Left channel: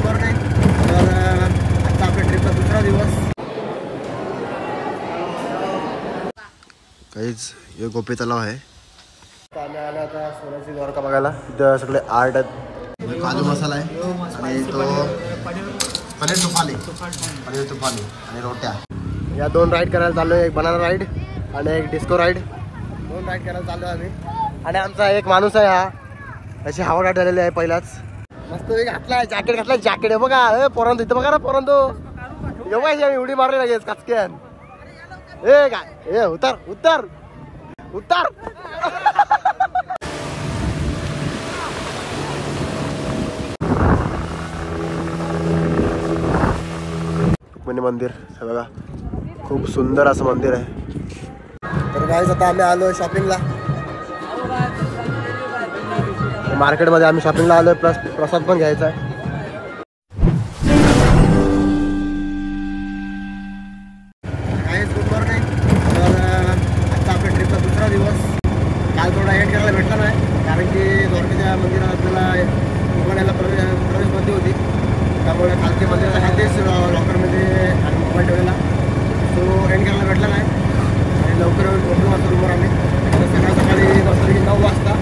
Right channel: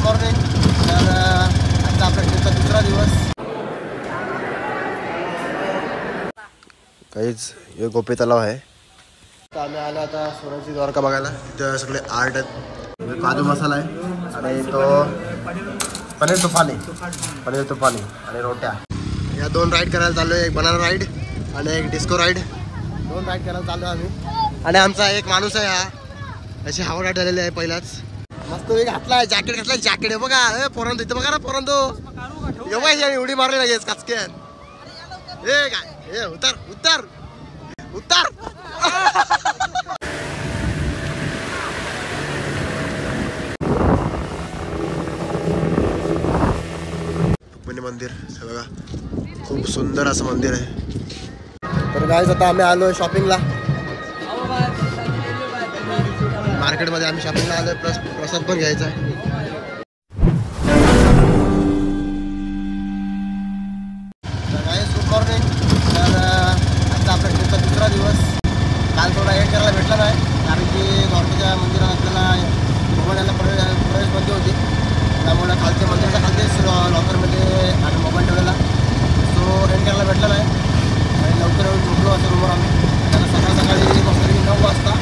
Good morning. तर आजचा आपल्या ट्रिपचा दुसरा दिवस. काहीच हे गोपी तलाव आहे. तर आम्ही आलो आता सोन्याची द्वारका बघायला. तिथं सगळे आर्ट आहेत. काजू मसाला आहे आणि तो पनीर तुफानी आणि रोट्या. या 2 राईड करायला चाललो आहे. एक बनाना राईड आणि एक डिस्को राईड. 2 राईड करायला चाललो आम्ही. आणि आमचा एक माणूस आहे हा अशी हवा गाठ झालेली आहे पहिलाच. मस्त वेग घातलाय, जॅकेट घातलाय. जॅकेट आहे बघा. पोरांतो इथं बघा ना पोरांतो. एवढी उडी मारली लागेल काचक्यान. ए काय ए उतर उतर उतर. रुक्मिणी मंदिर हे बघा. खूप सुंदर असं मंदिर आहे. तर गाईज आता आम्ही आलोय शॉपिंगला. मार्केटमध्ये आम्ही शॉपिंगला आलोय. प्लस प्रसाद पण घ्यायचा आहे. Guys good morning. तर आजचा आपल्या ट्रिपचा दुसरा दिवस. काल थोडा एंड करायला भेटला नाही कारण की द्वारकेच्या मंदिरात आपल्याला मोबाईलला प्रवेश बंदी होती. त्यामुळे खालते मंदिराच्या खालतेच लॉकरमध्ये आणि मोबाईल ठेवलेला. तो एंड करायला भेटला नाही आणि लवकर येऊन झोपलो आता रूमवर आम्ही. त्याला सकाळी मस्त 9 वाजता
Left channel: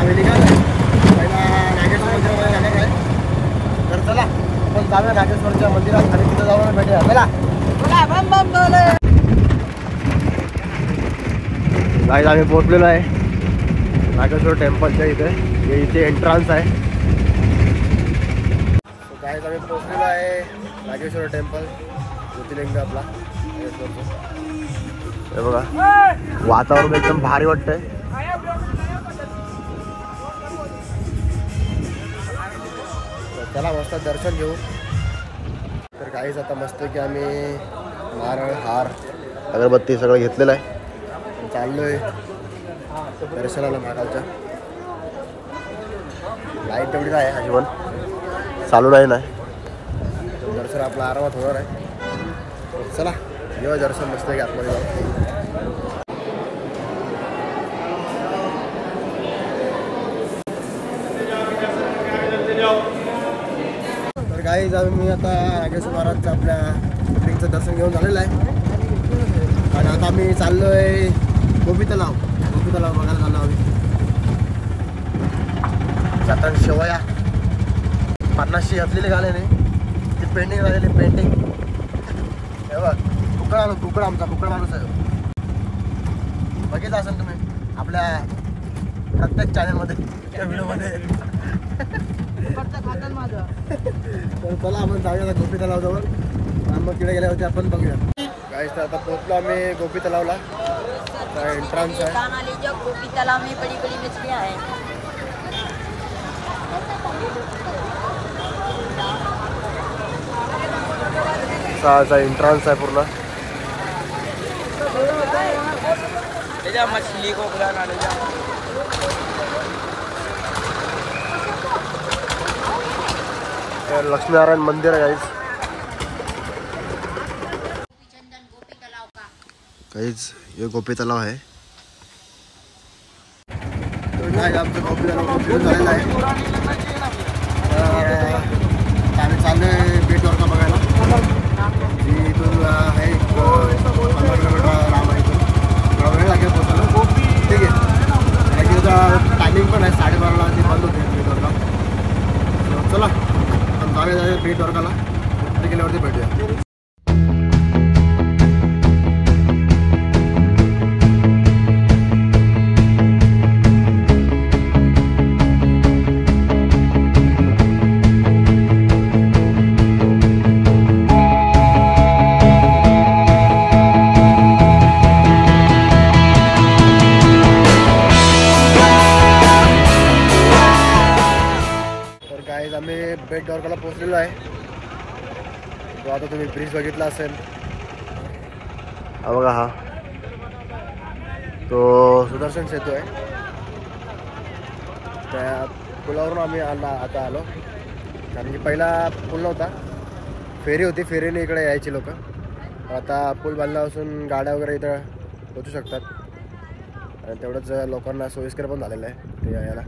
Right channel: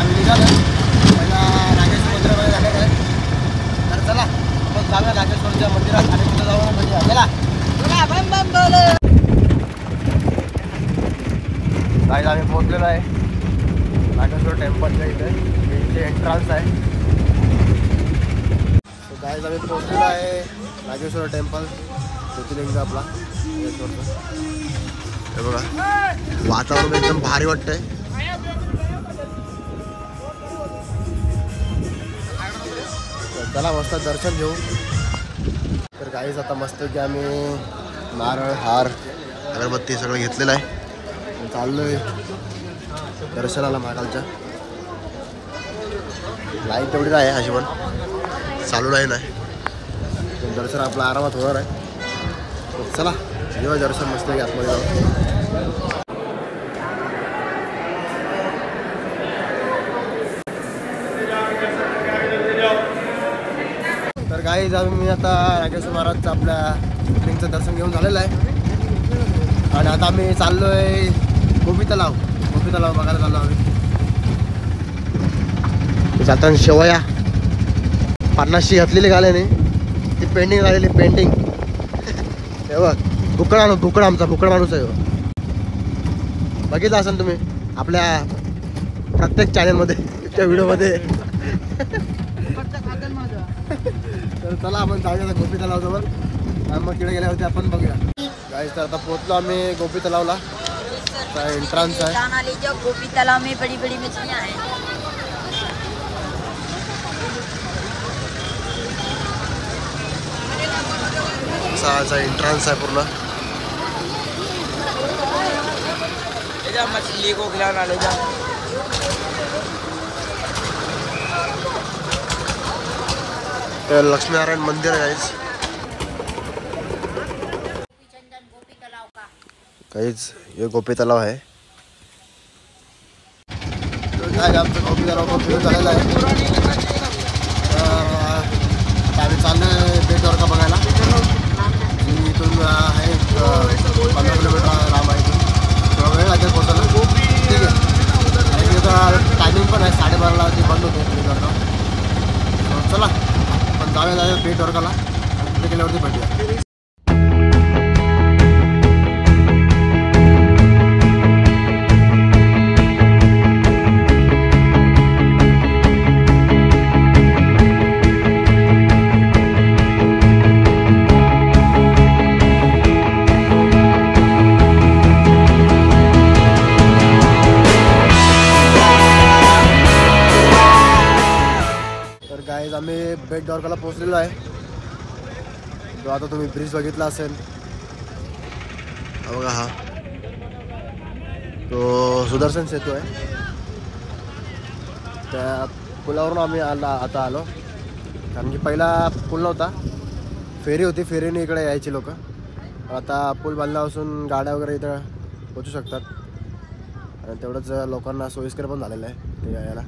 आम्ही निघालो. पहिला नागेश्वर मंदिरामध्ये जाण्यात आहे. तर चला आपण जाऊया नागेश्वरच्या मंदिरात आणि तिथं जाऊन भेटूया. चला गाईज आम्ही पोहोचलेलो आहे नागेश्वर टेम्पलच्या इथे. इथे एंट्रन्स आहे. गाईज आम्ही पोहोचलेलो आहे नागेश्वर टेम्पल. ज्योतिर्लिंग आपला नागेश्वरचं. हे बघा वातावरण एकदम भारी वाटतंय. चला मस्त दर्शन घेऊ. तर गाईज आता मस्त की आम्ही नारळ हार अगरबत्ती सगळं घेतलेलं आहे. चाललोय दर्शनाला महाकालच्या. लाईट तेवढीच आहे अशी पण चालू नाही. दर्शन आपलं आरामात होणार आहे. चला जेव्हा दर्शन मस्त आहे आतमध्ये जाऊ. तर काही जाऊन मी आता नागेश्वर महाराजचं आपल्या ज्योतिर्लिंगचं दर्शन घेऊन झालेलं आहे. आणि आता आम्ही चाललोय गोपी तलाव बघायला चाललो आम्ही. जाताना शेवया 50ची घातलेली गाल्याने ती पेंटिंग झालेली. पेंटिंग हे बघ. बुकड आमचा बुकड माणूस आहे. बघितलं असेल तुम्ही आपल्या प्रत्येक चॅनलमध्ये त्या व्हिडिओमध्ये. तर चला आपण जाऊया गोपी तलावाजवळ. मग तिकडे गेल्या होते आपण बघूया. गाईस तर आता पोहोचलो आम्ही गोपी तलावला. एंट्रन्स आहे. गोपी तलाव में बड़ी बड़ी मछलियां हैं. असा एंट्रन्स आहे पूर्ण. लक्ष्मीनारायण मंदिर आहे काहीच हे गोपी तलाव आहे. आमचं गोपी तलाव फिरून झालेलं आहे. आम्ही चाललोय बेट द्वारका बघायला. इथून आहे 15 किलोमीटर लांब आहे. थोडा वेळ लागेल पोहोचायला. ठीक आहे. तिथं टायमिंग पण आहे 12:30ला ते बंद होते बेट द्वारका. चला आपण जाऊया बेट द्वारकाला. तिथे गेल्यावरती भेटूया. आम्ही बेट द्वारकाला पोहोचलेलो आहे. तो आता तुम्ही ब्रिज बघितला असेल. हा बघा हा तो सुदर्शन सेतू आहे. त्या पुलावरून आम्ही आता आलो कारण की पहिला पूल नव्हता. फेरी होती. फेरीने इकडे यायची लोक. आता पूल बांधल्यापासून गाड्या वगैरे इथं पोचू शकतात. आणि तेवढंच लोकांना सोयीस्कर पण झालेलं आहे ते यायला.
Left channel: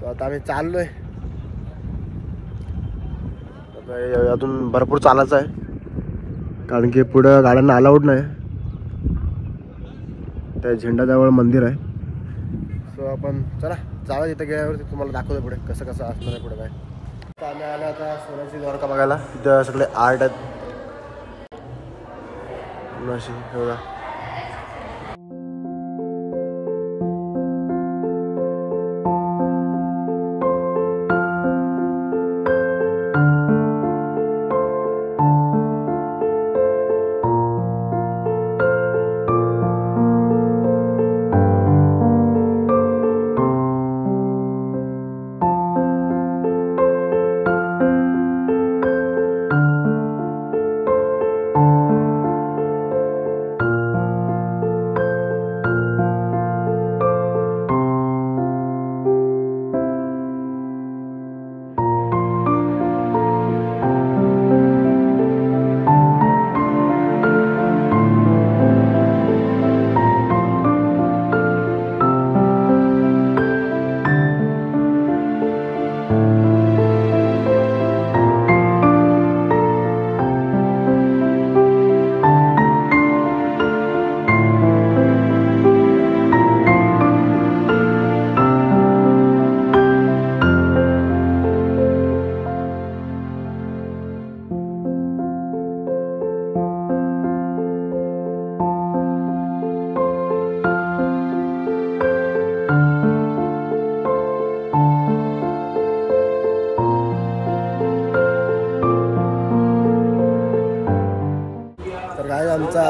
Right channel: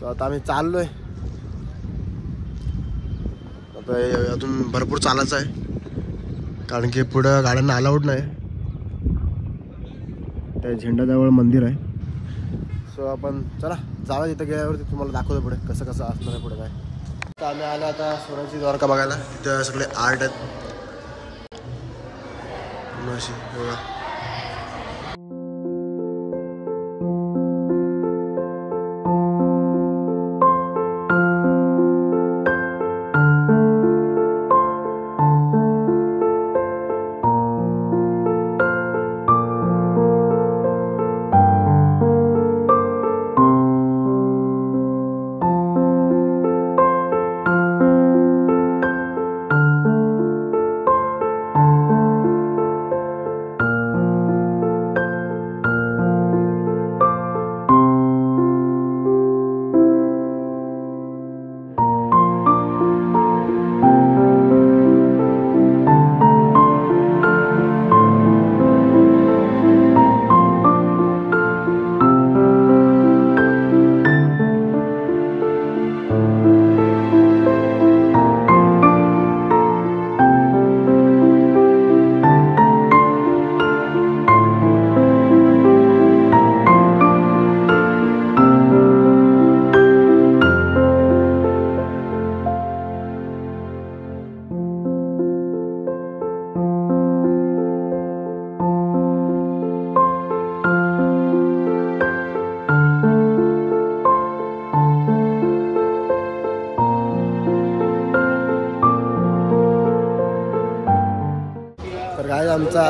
सो आता आम्ही चाललो आहे अजून भरपूर चालायचं आहे कारण की पुढं गाड्यांना अलाउड नाही. त्या झेंडाजवळ मंदिर आहे. सो आपण चला जाऊया तिथे गेल्यावरती तुम्हाला दाखवतो पुढे कसं कसं असणार आहे पुढे काय. तर आम्ही आलो आता सोन्याची द्वारका बघायला. तिथं सगळे आर्ट आहेत अशी बघा. तर काय आमचा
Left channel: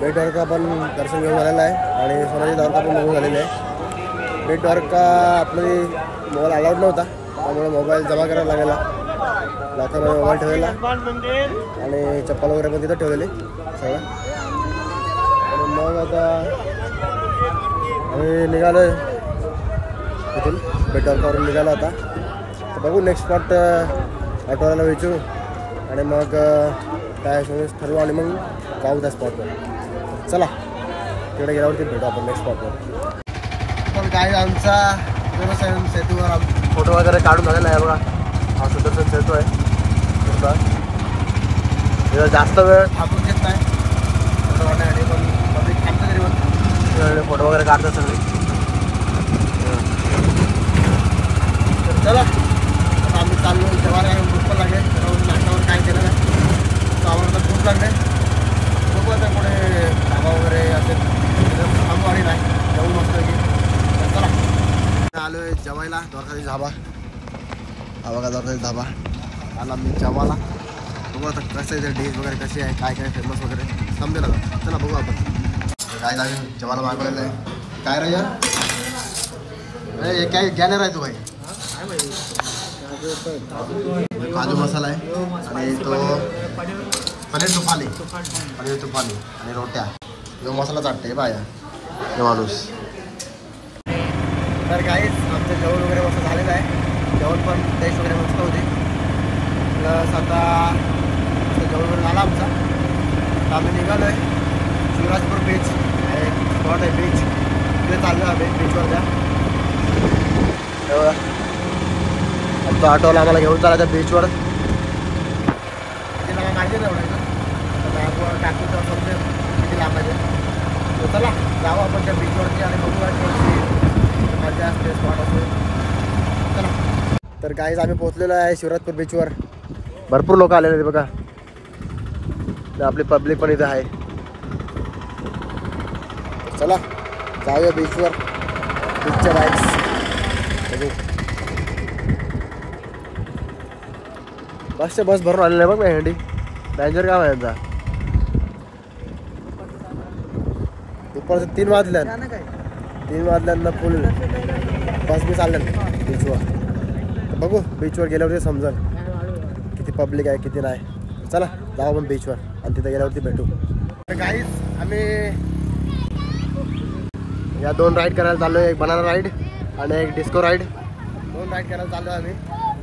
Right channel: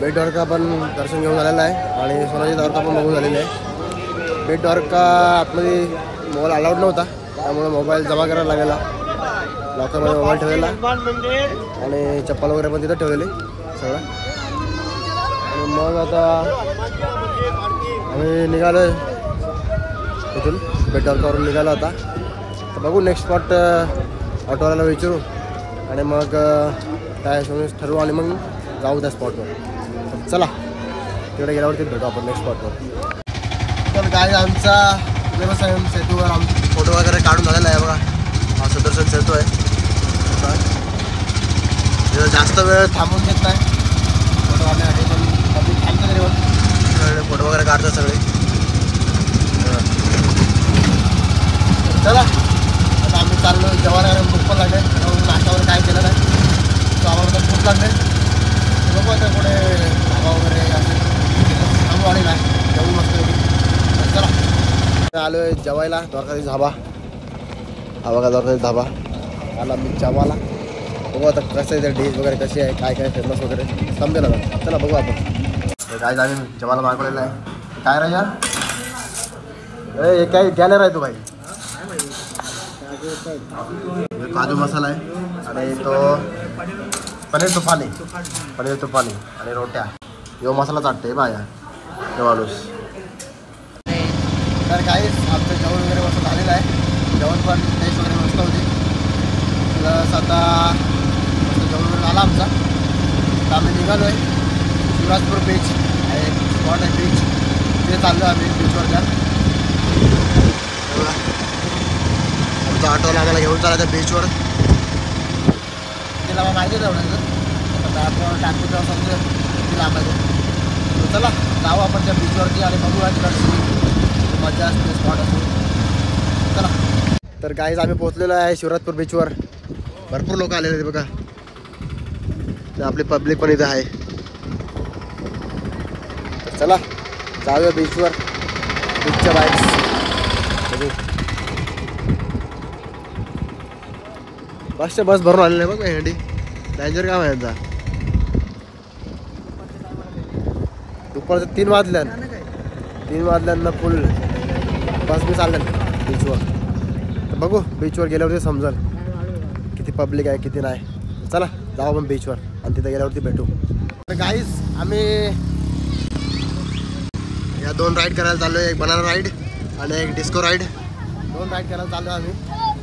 बेट द्वारका पण दर्शन घेऊन झालेलं आहे आणि सोन्याची द्वारका पण बघून झालेली आहे. बेट द्वारका आतमध्ये मोबाईल अलाउड नव्हता त्यामुळे मोबाईल जमा करायला लागेला. लॉकरमध्ये मोबाईल ठेवलेला आणि चप्पल वगैरे पण तिथं ठेवलेले सगळं. आणि मग आता आम्ही निघालो आहे इथून बेट द्वारकावरून निघालो आता. तर बघू नेक्स्ट स्पॉट ऑटोवाल्याला विचारू आणि मग काय ठरवू आणि मग जाऊ त्या स्पॉटवर. चला तिकडे गेल्यावरती भेटू आपण नेक्स्ट स्पॉटवर. पण काय आमचा सुदर्शन सेतूवर फोटो वगैरे काढून झालेला आहे बघा. हा सुदर्शन सेतू आहे. जास्त वेळ थांबून घेत नाही फोटो काढण्यासाठी पण पब्लिक थांबतं तरी पण फोटो वगैरे काढतात सगळे. चला आता आम्ही चाललो जेवायला. भूक पण लागेल नाश्त्यावर काय केलं नाही आम्हाला खूप लागले. बघू आता कुठे धाबा वगैरे असेल थांबू आणि नाही जाऊ मस्त आहे. चला आलो आहे जेवायला द्वारकाधी धाबा. हा बघा द्वारकाधी धाबा आला मी जेवायला. बघू आता कसं आहे डिश वगैरे कशी आहे काय काय फेमस वगैरे समजेल आता. चला बघू आपण. काय आम्ही जेवायला मागवलेलं आहे. काय राजा काय गॅलर आहे तो भाई. काजू मसाला आहे आणि तो पनीर तुफानी आणि रोट्या. यो मसाला चाटते माझ्या हे माणूस. तर काहीच आमचं जेवण वगैरे मस्त झालेलं आहे. जेवण पण टेस्ट वगैरे मस्त होती. प्लस आता मस्त जेवण वगैरे झाला आमचा. तर आम्ही निघालो आहे शिवराजपूर बीच आहे स्पॉट आहे बीच तिथे चाललो आम्ही बीचवर. त्या आमचा ऑटोला आम्हाला घेऊन चालायचं बीचवर. तिथे मला माहिती नाही आता मॅपवर टाकू तेव्हा समजेल किती लांब आहे. चला जाऊ आपण त्या बीचवरती आणि बघू कशी मजा असते स्पॉट असतो. चला तर काहीच आम्ही पोहोचलेलो आहे शिवराजपूर बीचवर. भरपूर लोक आलेले बघा. आपली पब्लिक पण इथे आहे. चला जाऊया बीचवर. बीचच्या बाईक्स बघू. बस भरून आलेलं आहे बघ मेहंडी. डेंजर काम आहे यांचा. दुपारचं 3 वाजल्यानं फुल बस बी चालल्या बीचवर. बघू बीचवर गेल्यावरती समजेल किती पब्लिक आहे किती नाही. चला जाऊ आपण बीचवर आणि तिथे गेल्यावरती भेटू. तर गाईस आम्ही या 2 राईड करायला चाललो आहे. एक बनाना राईड आणि एक डिस्को राईड. 2 राईड करायला चाललो आम्ही.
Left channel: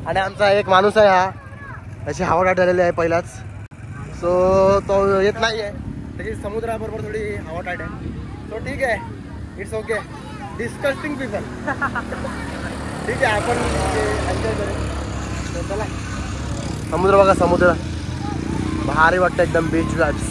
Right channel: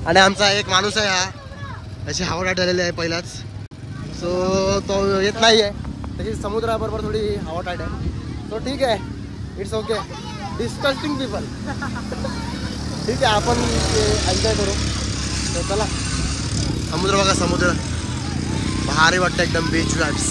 आणि आमचा एक माणूस आहे हा अशी हवाटाट झालेली आहे पहिलाच. सो तो येत नाही आहे. त्याची समुद्राबरोबर थोडी हवाटाट आहे. तो ठीक आहे इट्स ओके. डिस्कस्टिंग पीपल ठीक आहे आपण एन्जॉय करू. तर चला समुद्र बघा, समुद्र भारी वाटतं एकदम, बीच वाईब्स.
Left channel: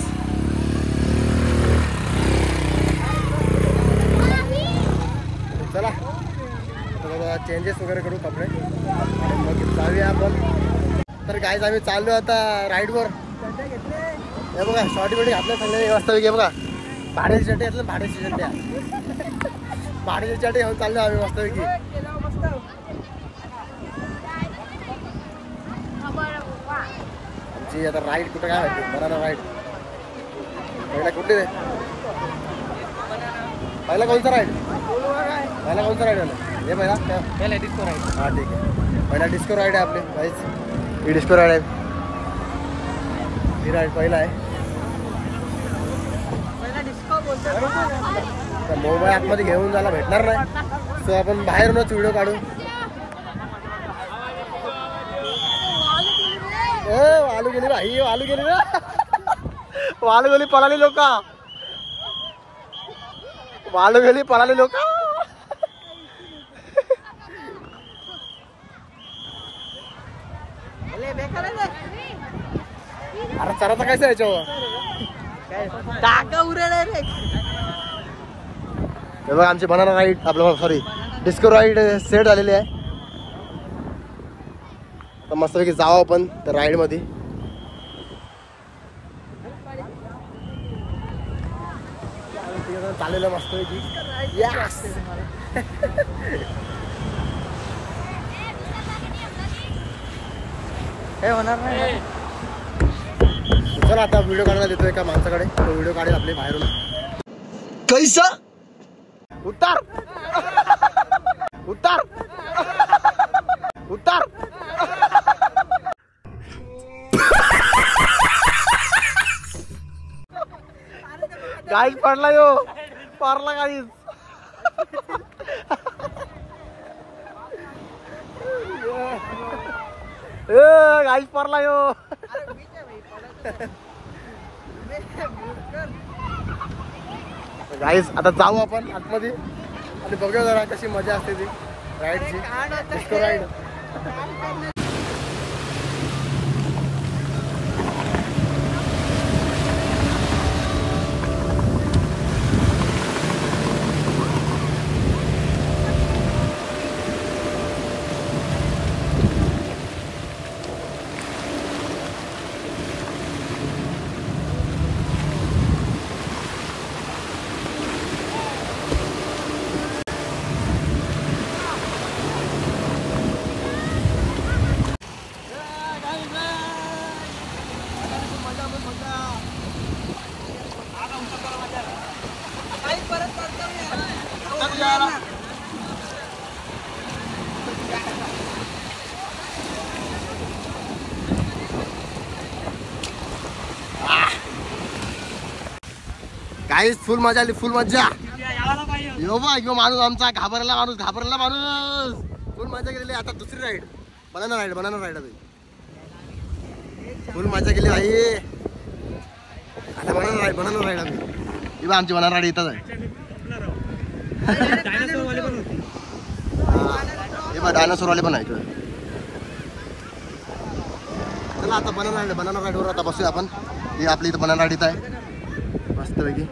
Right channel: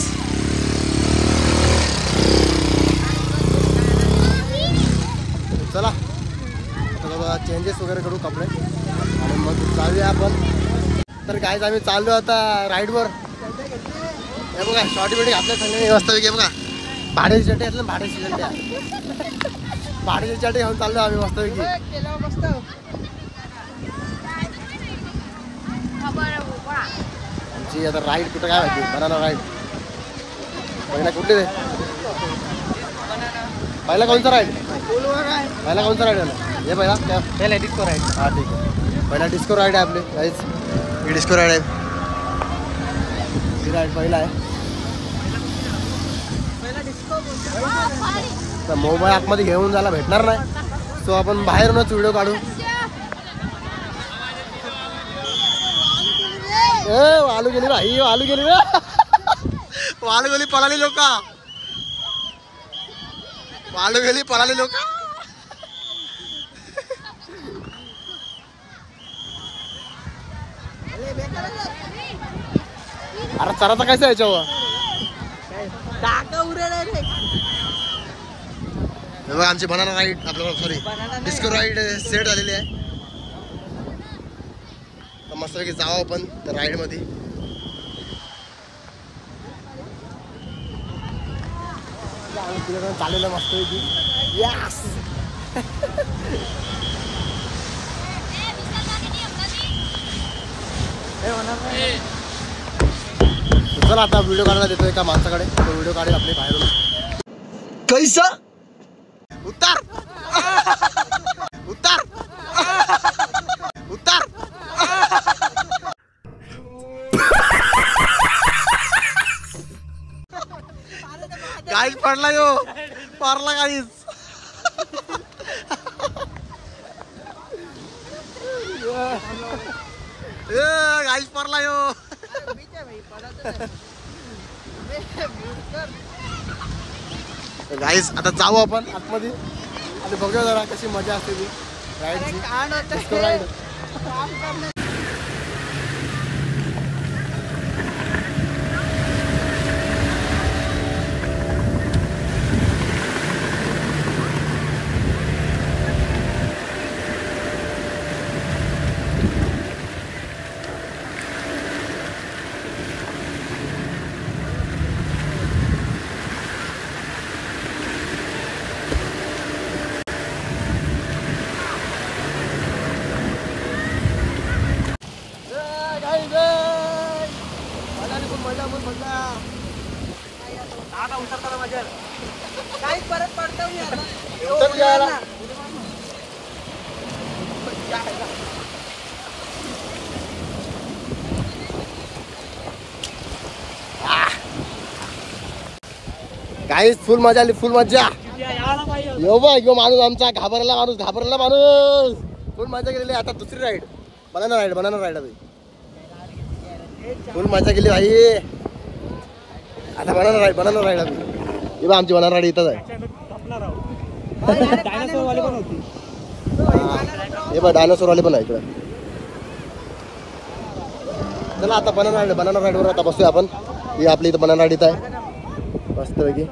चला आता चेंजेस वगैरे करू कपडे आणि मग चालूया आपण. तर गाईज आम्ही चाललो आता राईडवर. हे बघा शॉर्टी बिटी घातल्या चांगले मस्त पैकी. बघा भाड्याची चटे घातल्या, भाड्याची चट्ट्या भाड्याची चटे घेऊन चाललो आम्ही मस्त पैकी. आमची आता राईड कुठं काय माहिती, बनाना राईड. पहिला कुठली दे, पहिला कोणचा राईड, पहिला कोणचा राईड आला हे पहिला डिस्को राईड. हां ठीक आहे, पहिला डिस्को राईड आहे आपली गाईज. ही डिस्को राईड आहे, ही राईड पहिला आहे. तर मोबाईल आतमध्ये घेऊन जायला भेटणार नाही, सो आपण बाहेरूनच व्हिडिओ काढू. वालू गेली भाई, वालू गेली, वालू गेली पळाली लोक, वालू गेली पळाली लोक. अरे चराचा कैसा याच्यावर. हे बघा आमची बनाना राईड, आपलं सॉरी डिस्को राईड सेट झालेली आहे. तर मस्तपैकी जावं आपण त्या राईड मध्ये. चाललेलं मस्तपैकी. यस चला आता व्हिडिओ काढायला देतोय एका माणसाकडे, तो व्हिडिओ काढेल आपले बाहेरून. कैसा उतार उतार उतार. गाईज पडला यो, पारला गाईज. गाईज पडला यो. गाईज आता जाऊ आपण आतमध्ये आणि बघूया जरा कशी मजा असते ती राईडची, डिस्को राईड. गाईज फुल मजा आली, फुल मजा. यो बघ यो माणूस आमचा घाबरला माणूस, घाबरला माणूस. फुल मजा केलेली. आता दुसरी ride banana ride, banana ride भाई. फुल मजा केली भाई. आता बनाना राईड, बनाना राईड आम्ही. हे बघ आमची बनाना राईड इथंच आहे. डायनासोर वाले पण होती. हे बघ डायनासोर वाले पण आहे इकडे. चला आता बनाना राईड, बनाना राईड वर आता बसूया आपण. ही आपली इथं बनाना राईड इथं आहे मस्तपैकी.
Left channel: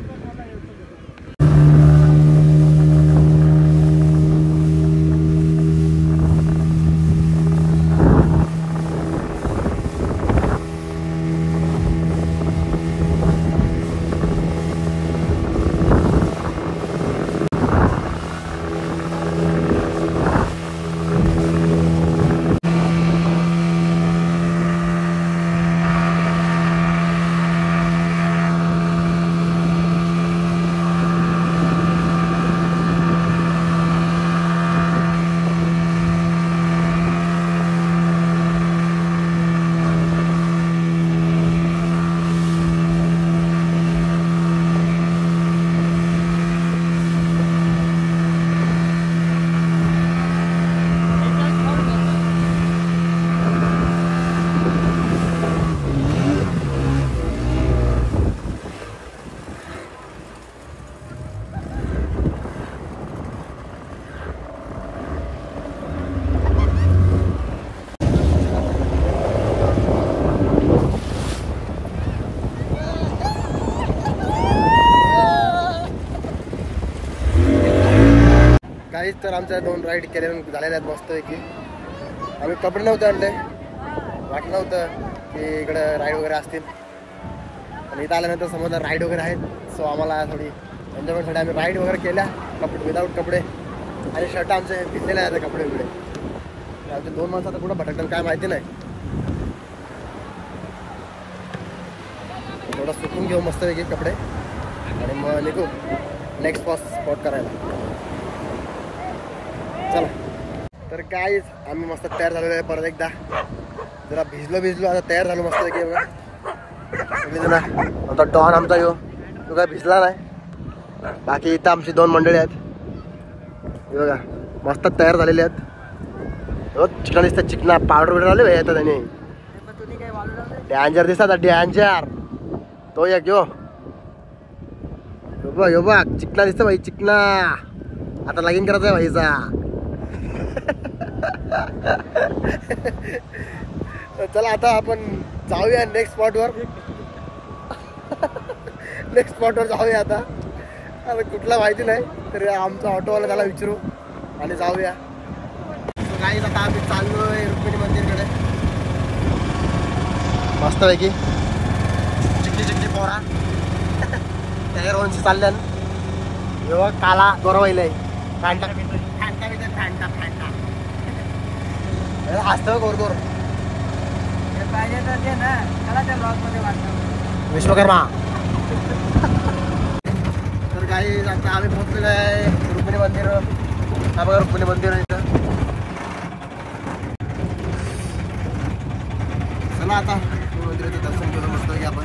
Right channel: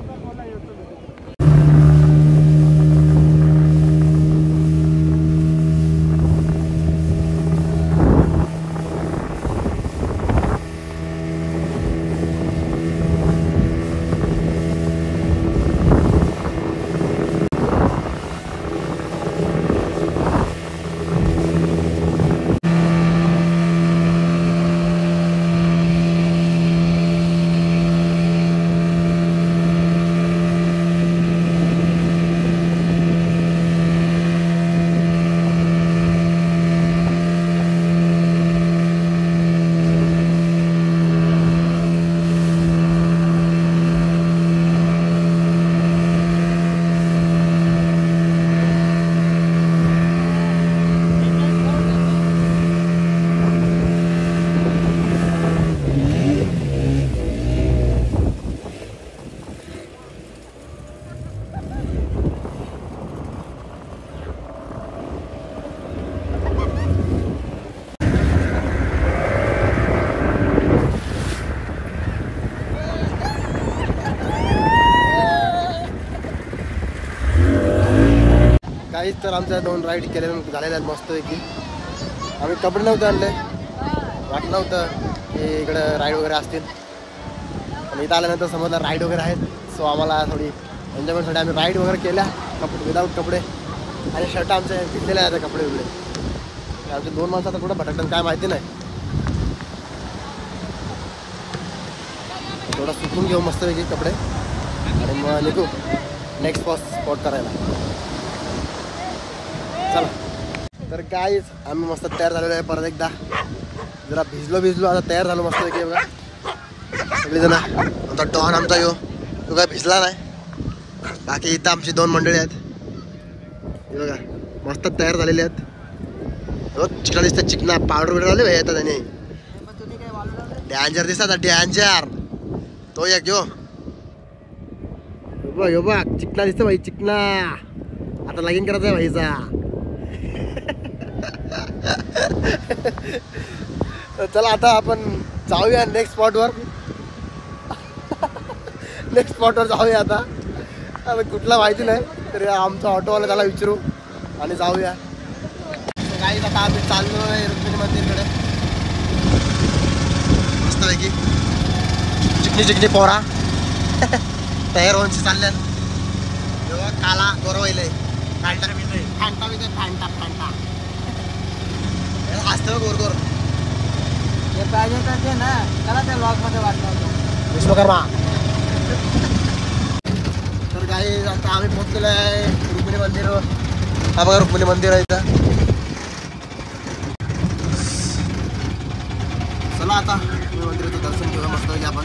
काहीच तर आमच्या 2 राईड केल्या झालेल्या आहेत मस्तपैकी. आम्ही कपडे नव्हते आणले, वाटलं नव्हतं की इकडं राईड वगैरे असतील, पण इथं आल्यानंतर समजलं राईड वगैरे आहेत. सो आम्हाला थोडी एन्जॉयमेंटसाठी आम्ही राईड वगैरे केल्या विदाऊट कपडे, आणि शर्ट आमचे घेतलेले आहेत कपडे वगैरे. आमचे 2 माणसं आता कुठं भटकतात काय माहिती नाही. थोडं सुकून घेऊ मस्तपैकी कपडे आणि मग निघू नेक्स्ट स्पॉट करायला. चला तर काहीच आम्ही मस्त तयार झालेलो आहे. परत एकदा जरा भिजलो आता तयार झालो मस्तपैकी. बघा सगळीजण. आमचा डॉन आमचा तो काय भिजला नाही. बाकी इथं आमची 2 मंडळी आहेत. हे बघा मस्त तयार झालेले आहेत. चिकना दिसतात, चिकना पावडर बिडर आले येतात त्याने. डॅन्जर दिसतात, डॅन्जर. तो एक यो बघ चिकना दिसतं भाई, चिकना. आता लगीन करायचं आहे भाईचा. चला आता आपण जाऊया नेक्स्ट स्पॉटवर. जाऊया आता कुठला माहिती नाही, तर आमचा ऑटोवाला त्याला विचारू आणि जाऊया. काहीच आता आम्ही चाललोय रुक्मिणी मंदिरकडे. मस्तपैकी चिकनी पोरा तयार होऊन चालल्यान. काला गोरवाईलाय फॅन्टा असतं गोर हे पाहिजे तर ते ना, चला त्या ब्लॉगमध्ये वाटलं. तर काही आता आम्ही पोहोचलेलो आहे रुक्मिणी मंदिरवर. हा बघा रुक्मिणी मंदिर आहे इथं. चला आता मंदिराचं दर्शन घेऊया मस्त आपण.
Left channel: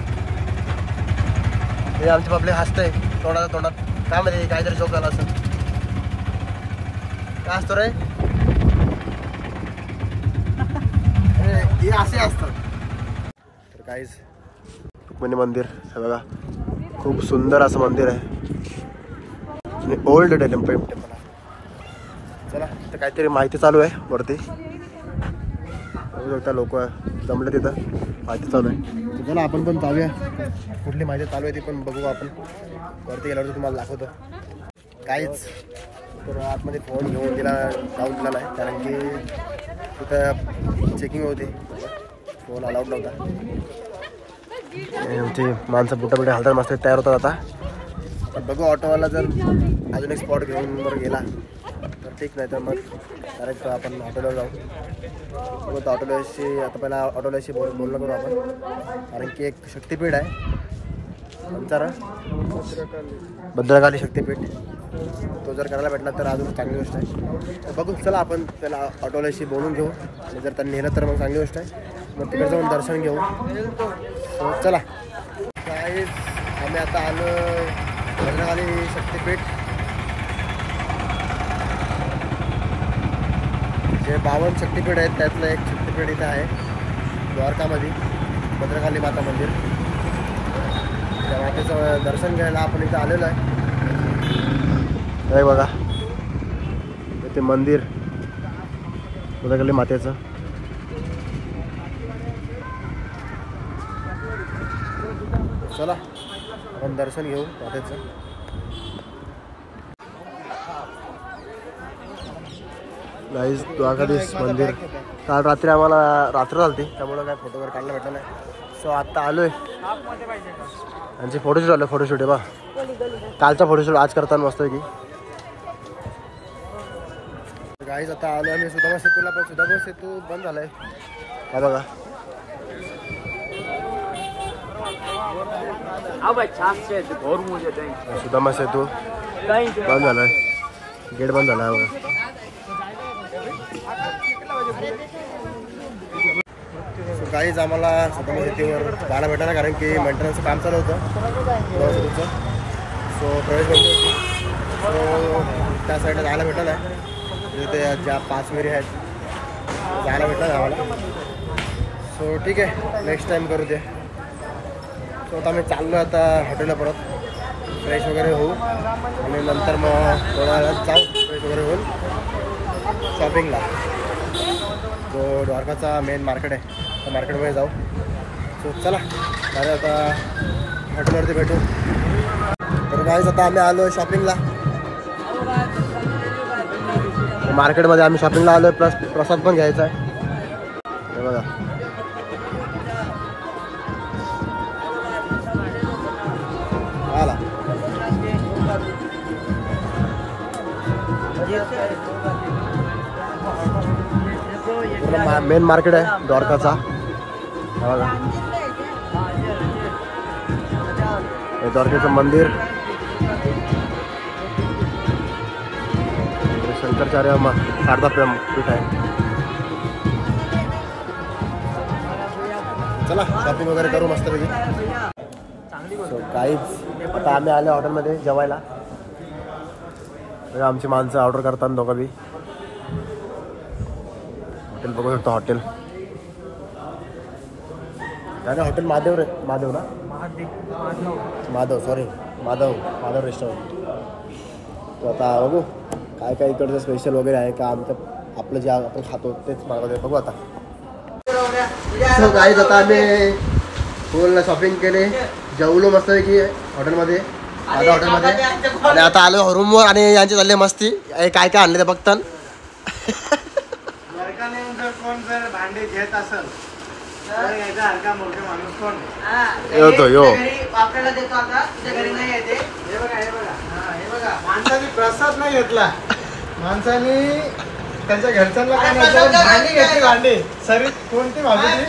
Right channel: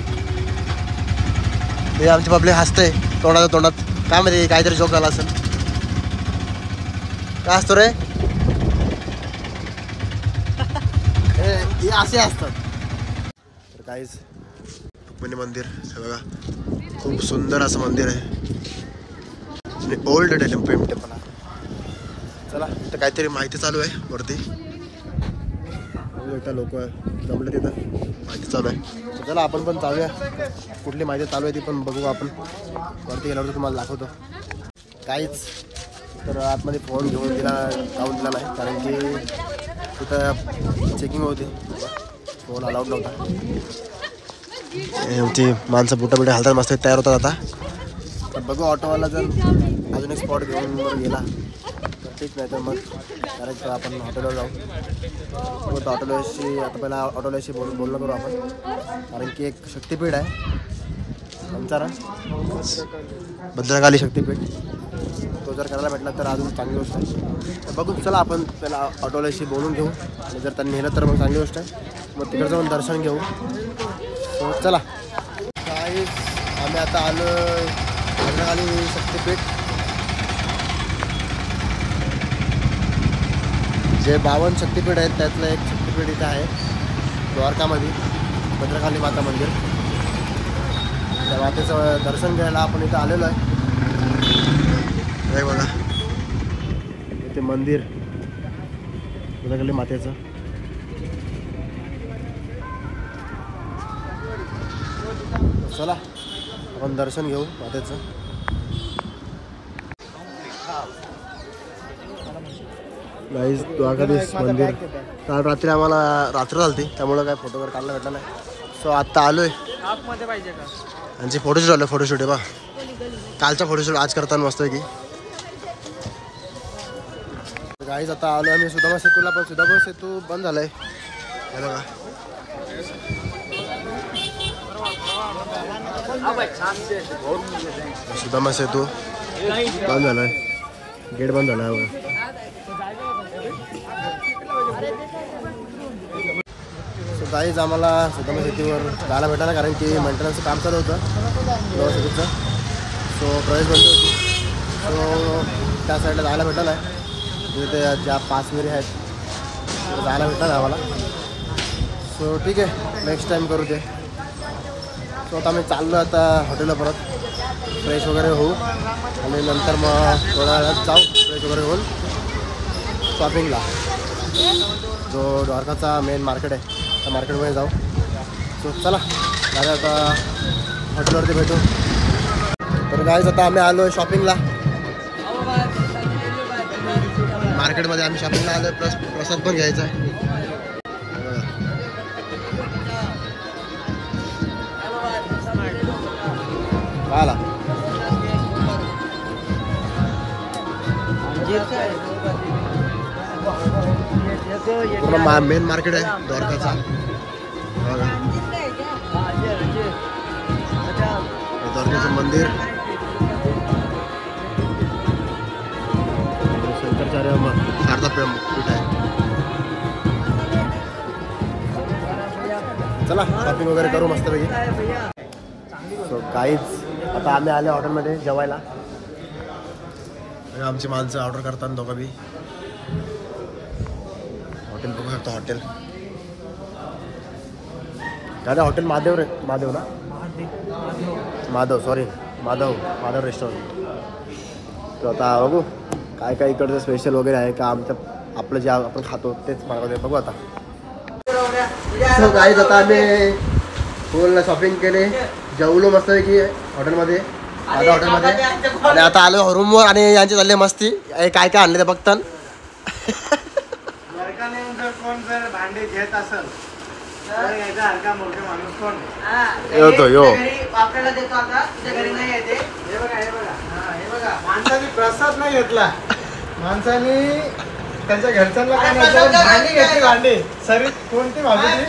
हे आमचे पब्लिक हसतंय तोंडात काय माहिती काहीतरी जोक झाला असेल. काय असतो रे हे असे असतात. तर काहीच रुक्मिणी मंदिर हे बघा खूप सुंदर असं मंदिर आहे आणि ओल्ड टेम्पल आहे. चला तर काहीतरी माहिती चालू आहे वरती. बघू शकता लोक जमले तिथं, माहिती चालू आहे. चला आपण पण जाऊया, कुठली माहिती चालू आहे ती पण बघू आपण. वरती गेल्यावर तुम्हाला दाखवतो. काहीच तर आतमध्ये फोन घेऊन जाऊन दिला नाही, कारण की तिथं चेकिंग होती, फोन अलाउड नव्हता. ती माणसं बुटा हालतात मस्त तयार होतात आता. तर बघू ऑटोवाला जर अजून एक स्पॉट घेऊन बरं गेला तर ठीक, नाही तर मग डायरेक्ट आपण हॉटेलवर जाऊ. बघू ऑटोलाशी आता पहिला ऑटोलाशी बोलणं करू आपण, कारण की एक शक्तिपीठ आहे आमचा भद्रकाली शक्तिपीठ. तो जर करायला भेटला तर अजून चांगली गोष्ट आहे. तर बघू चला आपण पहिला ऑटोलाशी बोलून घेऊ, आणि जर त्यांनी नेलं तर मग चांगली गोष्ट आहे. मग तिकडे जाऊन दर्शन घेऊ. सो चला काहीच आम्ही आता आलो भद्रकाली शक्तिपीठ. जे 52 शक्तिपीठ आहेत त्यातलं एक शक्तिपीठ इथं आहे द्वारकामध्ये, भद्रकाली माता मंदिर. त्या मातेचं दर्शन घ्यायला आपण इथं आलेलो आहे. हे बघा ते मंदिर भद्रकाली मातेचं. चला आपण दर्शन घेऊ मातेचं. गाईज द्वारकाधीश मंदिर. काल रात्री आम्हाला रात्र झाली, त्यामुळं काय फोटो वगैरे काढला भेटला नाही. सो आत्ता आलो आहे. यांची फोटोशूट आलं, फोटोशूट आहे बा. कालचा फोटोशूट आज करताना मस्त आहे की. गाईज आता आलो आम्ही सुदामा सेतूला, पण सुदामा सेतू बंद झाला आहे. हा बघा सुदामा सेतू बंद झाला आहे, गेट बंद झाला आहे बघा. सो गाईज आम्हाला सुदामा सेतूवर जायला भेटला, कारण की मेंटेनन्सचं काम चालू होतं सुदामा सेतूचं. सो प्रवेश बंद होती, सो त्या साईडला जायला भेटलं नाही. तिथे ज्या 5 विहिरी आहेत जायला भेटलं नाही आम्हाला. सो ठीक आहे, नेक्स्ट टाईम करू ते. सो आता आम्ही चाललो आता हॉटेलला परत, फ्रेश वगैरे होऊ आणि नंतर मग थोडा वेळात जाऊ फ्रेश वगैरे होऊन शॉपिंगला. जो द्वारकाचा मेन मार्केट आहे त्या मार्केटमध्ये जाऊ. सो चला डायरेक्ट आता हॉटेलवरती भेटू. तर गाईज आता आम्ही आलो आहे शॉपिंगला. मार्केटमध्ये आम्ही शॉपिंगला आलोय, प्लस प्रसाद पण घ्यायचा आहे. हे बघा आला पूर्ण मेन मार्केट आहे द्वारकाचा. हे बघा हे द्वारकेचं मंदिर, शंकराचार्य शारदा पीठ आहे. चला शॉपिंग वगैरे करू मस्तपैकी. सो काहीच आता आम्ही आले हॉटेलमध्ये जेवायला. आमची माणसं ऑर्डर करतात दोघं बी. हॉटेल बघू शकतो. हॉटेल काय ना, हॉटेल महादेव रे, महादेव ना, माधव सॉरी माधव रेस्टॉरंट. तर आता बघू काय काय इकडचं स्पेशल वगैरे आहे का, आमचं आपलं जे आपण खातो तेच मागवते. बघू आता. सो गाईज आता आम्ही फुल शॉपिंग केले, जेवलो मस्तपैकी हॉटेलमध्ये, माझ्या हॉटेलमध्ये. आणि आता आलो रूमवर आणि यांची चालली मस्ती. काय काय आणले ते बघतान. कोण जर भांडे घेत असेल तर याचा हलका मोठे माणूस कोण येतो यो आपल्याला देतो. आता तुझ्या घरी नाही येते. हे बघा हे बघा हे बघा, माणसाने प्रसाद नाही घेतला, माणसाने त्यांच्या घरच्यांना भांडी घेतली. भांडी सरी कोणती भाजी